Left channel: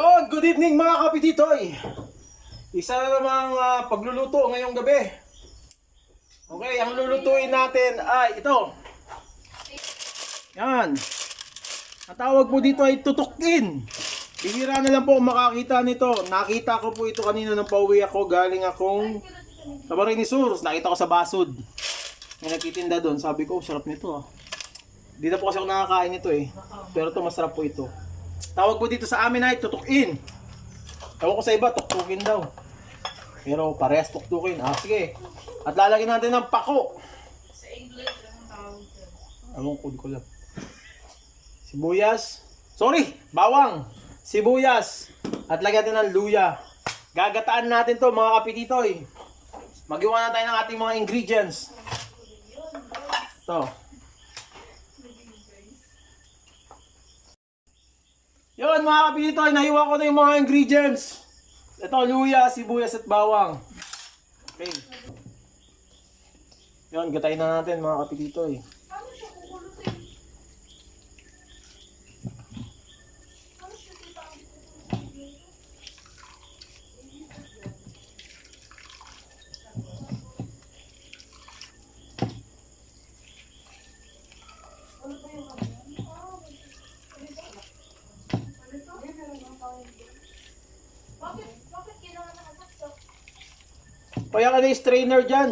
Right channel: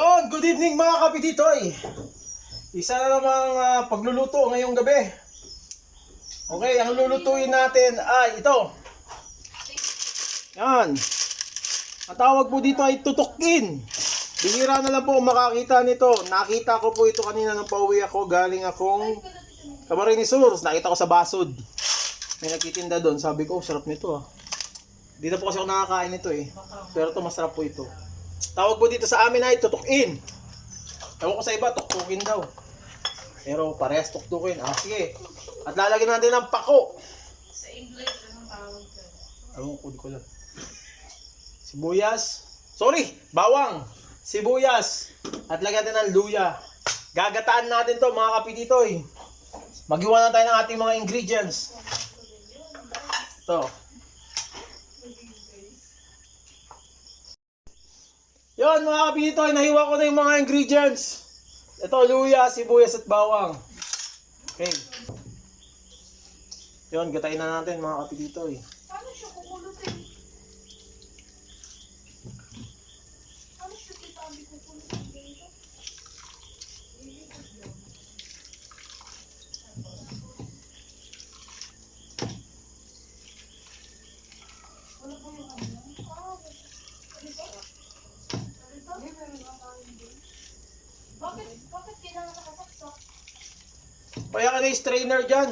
Yon, good evening mga kapititoy. Isa na namang ah, pagluluto ngayong gabi. Okay, ang lulutuin natin ay ito. Yan. Ang tawag po dito ay tutukin. Bihira na lang po makakita nito. Nakita ko po ito kanina nung pauwi ako. Galing akong Camarines. Nakita ko sa Basod. May nagtitinda doon. Sabi ko, "Oh, sarap nito ah. Di na po kasi ako nakakain nito eh. Pero to masarap po ito. Tawag po dito sa amin ay tutukin. Ewan ko sa iba, tuktukin daw. Pero parehas tuktukin. Ah, sige. At lalagyan natin ng pako. Sa English, anong tawag dyan? Ewan ko, di ko alam. Sibuyas. Sorry, bawang. Sibuyas. At lagyan natin ng luya. Gagataan natin to mga kapititoy. Magiwa na tayo ng ating mga ingredients. Ito. Yun mga kapititoy, nahiwa ko na yung mga ingredients. Ito, luya, sibuyas at bawang. Okay. Yun, gatayin na natin mga kapititoy. Paano siya kukulutin? Paano siya kita ang kukulutin dito? Wala ba yung ano? Ah, ganito. Ganito? Bakit? Bakit kailangan nakasaksak? Kaya ka na yung strainer dyan.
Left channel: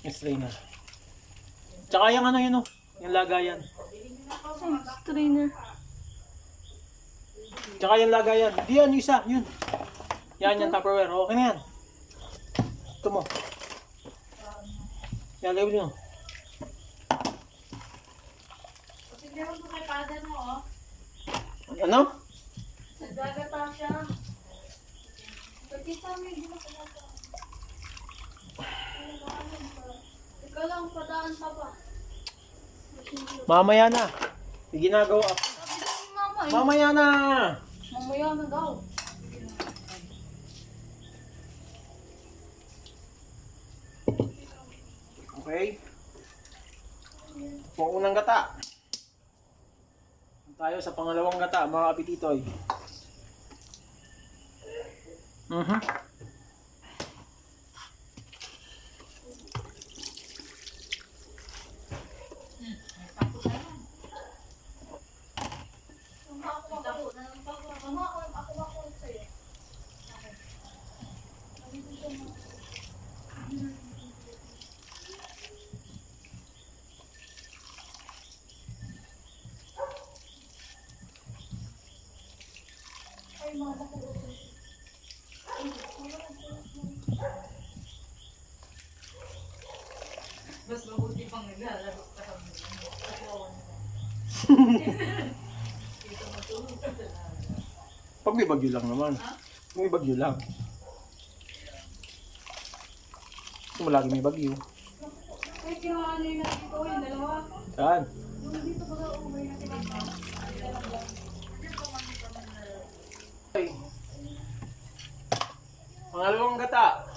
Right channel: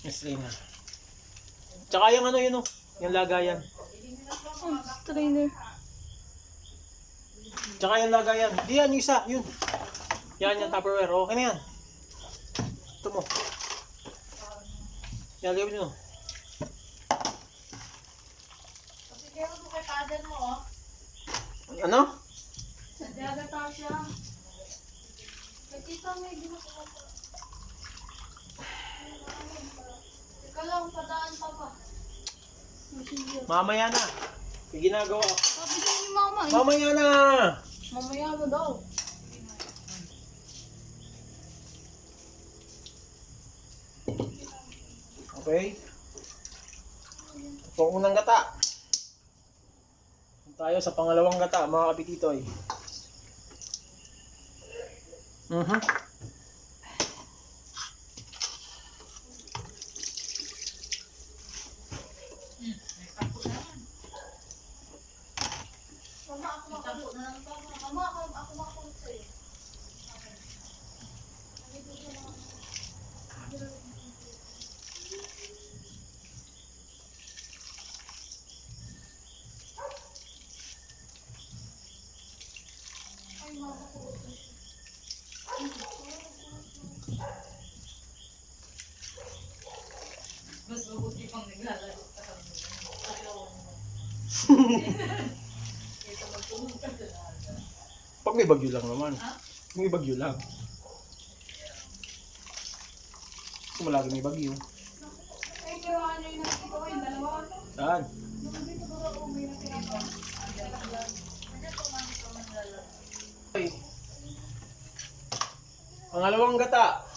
Yung strainer. Tsaka yung ano yun oh, yung lagayan. Strainer. Tsaka yung lagayan. Di yan, yung isa, yun. Yan, yan, Tupperware. Okay na yan. Ito mo. Yan, lagay mo meron ko kay father mo, oh. Ano? Nagagata siya. Pagkita mo yung ginagawa. Teka lang, padaan pa ba? Mamaya na. Ginagawa. Sabi ni mama eh. Mamaya na. Mamaya na daw. Okay? Ito ang unang gata. Tayo sa pangalawang gata, mga kapititoy. Mhm. Mama, ako makulot na lang pa. Mama, ako, ako makulot sa'yo. Okay. Nandito siya mga... Ay, mama, kulot na siya. Mas mabuti pang naglalaro ka kami. Ka talaga. Pag may bagyo lang naman. Ha? May bagyo lang. Kung malagi may bagyo. Ay, kinuha niyo yung nakikita ko yung dalawa. Saan? Yung dito ba daw, may nakikita. Okay. Pangalawang gata.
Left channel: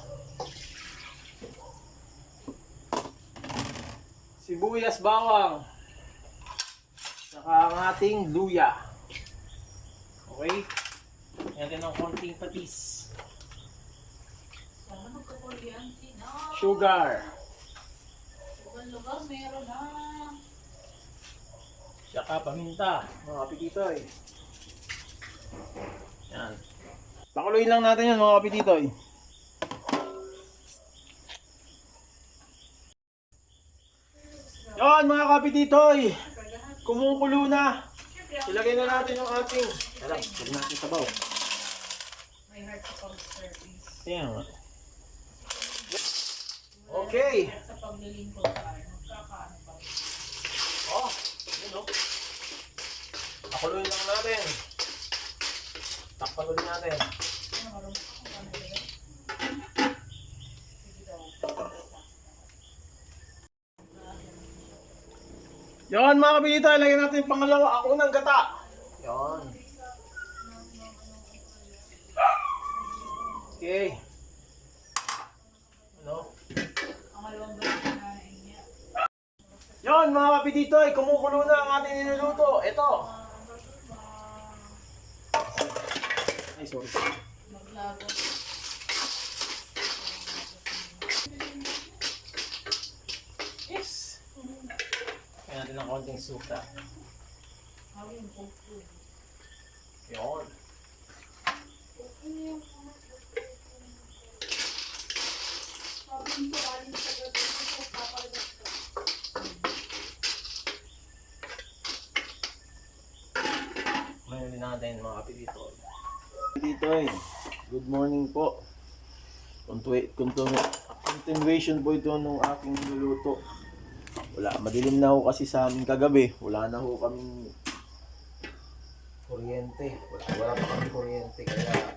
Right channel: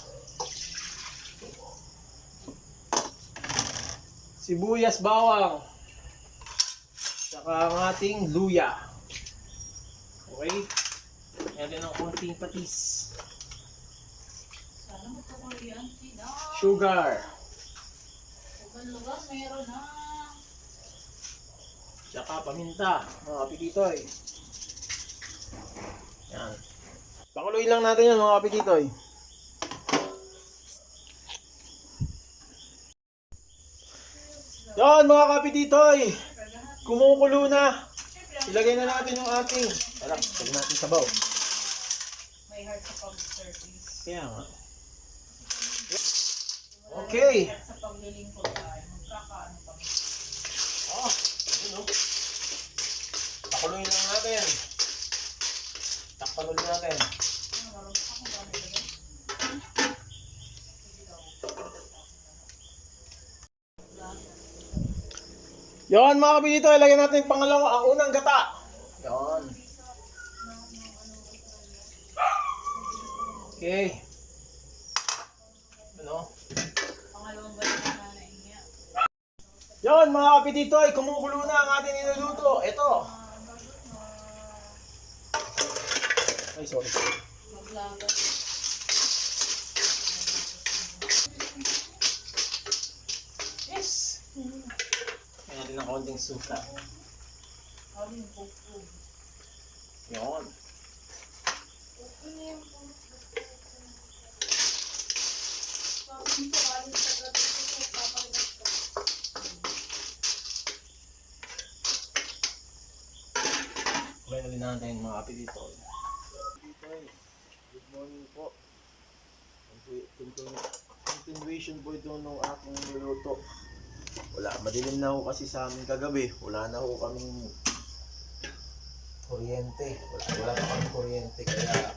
Sibuyas bawang. Saka ang ating luya. Okay? Ayan ng konting patis. Sugar. Lugar-lugar meron na. Saka paminta. Mga kapititoy. Yan. Pakuluin lang natin yan mga kapititoy. Yan mga kapititoy. Kumukulo na. Ilagay na natin yung ating. Tara, huwag natin sabaw. May heart sa pag-service. Kaya nga. Okay. Sa paglilingkod tayo. Magkakaano pa. Oh, yun oh. Lang natin. Takpan ulit natin. Ano, marunong ako ba nilagay? Sige daw. Yon mga kapitito, ilagay natin yung pangalawa, ang unang gata. Yon. Okay. Ano? Pangalawang nanay niya. Yon mga kapititoy, kumukulo na ang ating niluluto. Ito. Ay, sorry. Maglaga. Natin ng konting suka. Kumain ulit natin mga kapititoy. Kapititoy, good morning po. Continu- continu- Continuation po ito nung aking luluto. Wala, madilim na ho kasi sa amin kagabi. Wala na ho kaming kuryente. Wala, wala pa kaming kuryente kaya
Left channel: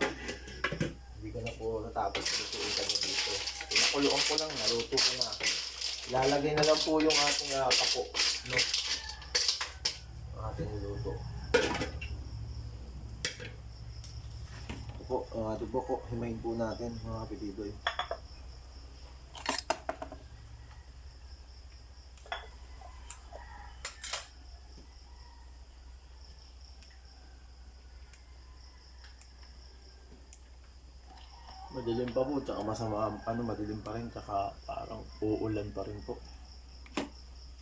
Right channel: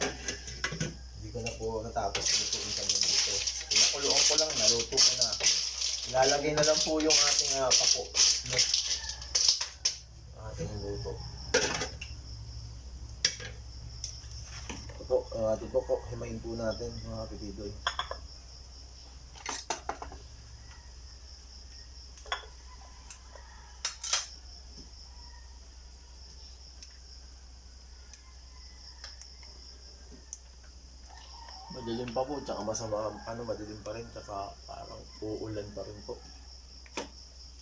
hindi ko na po natapos lutuin kami dito. Pinakuloan ko lang, naluto ko na. Ilalagay na lang po yung ating uh, kapo. No? Ang ating luto. Ito po, uh, ito po himayin po natin mga kapitidoy. Madilim pa po, tsaka masama, ano, madilim pa rin, tsaka parang uulan pa rin po.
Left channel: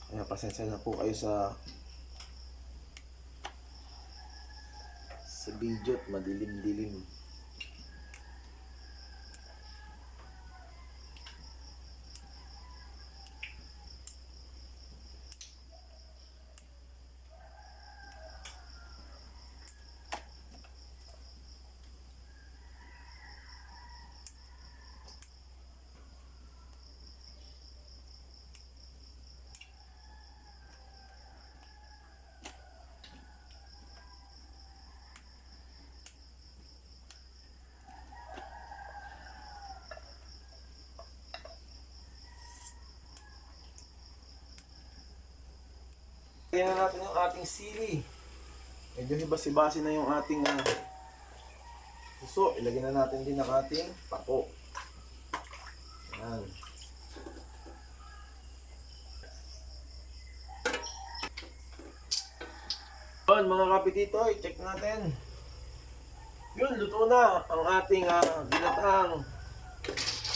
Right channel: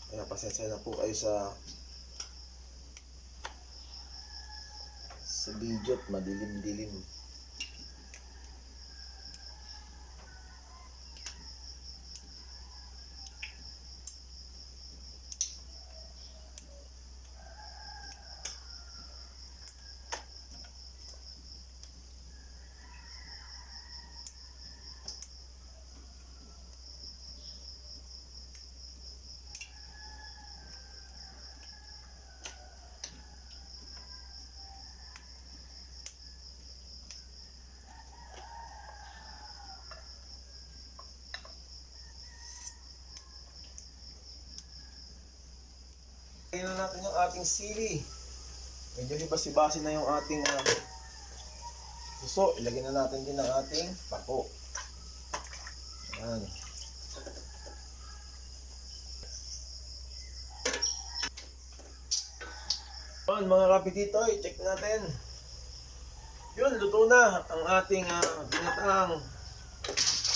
Kaya pasensya na po kayo sa sa video at madilim-dilim. Lagyan na natin yung ating sili. Medyo hibas-hibasi na yung ating ah, suso. Ilagyan na natin din ang ating pako. Yan. Yun mga kapititoy, check natin. Yun, luto na ang ating uh, binatang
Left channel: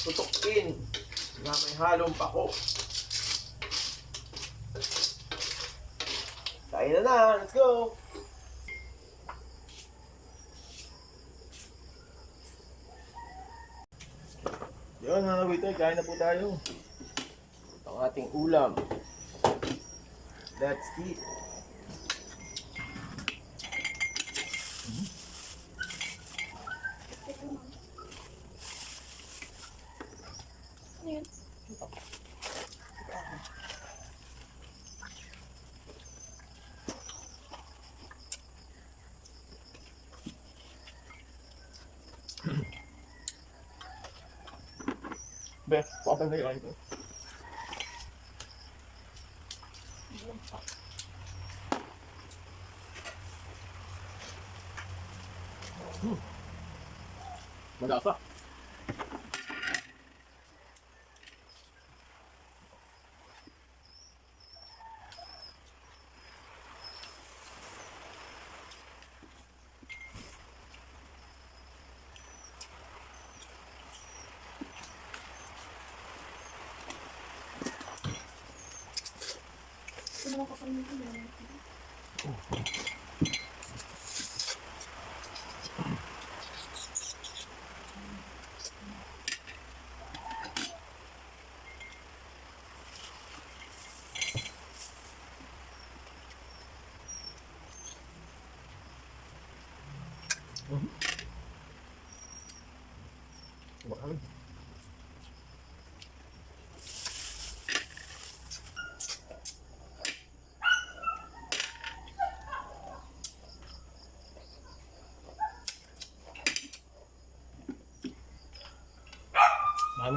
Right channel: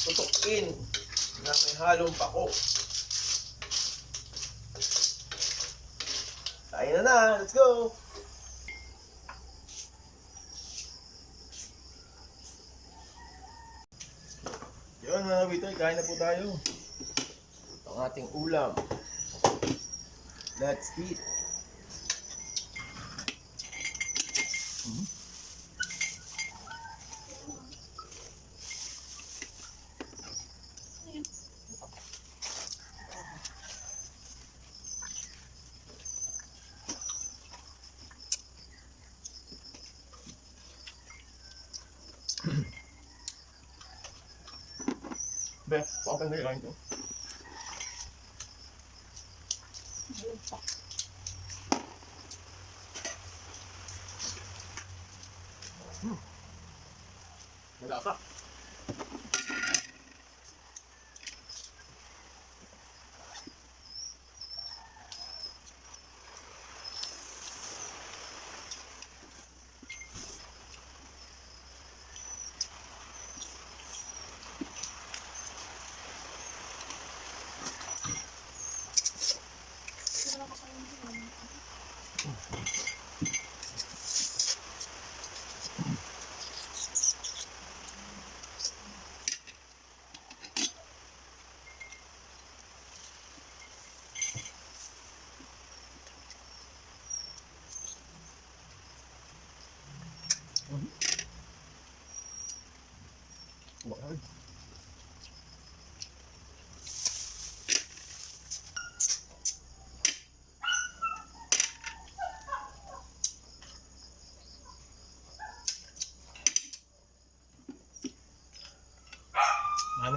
tutukin na may halong pako. Kain na na, let's go! Yun mga kabitoy, kain na po tayo. Ito ang ating ulam. Let's eat. Be, pakapal na yung ito. Hmm. Malasa. Deixa.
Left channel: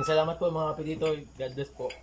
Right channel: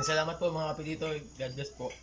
Maraming salamat po mga kapitito. God bless po.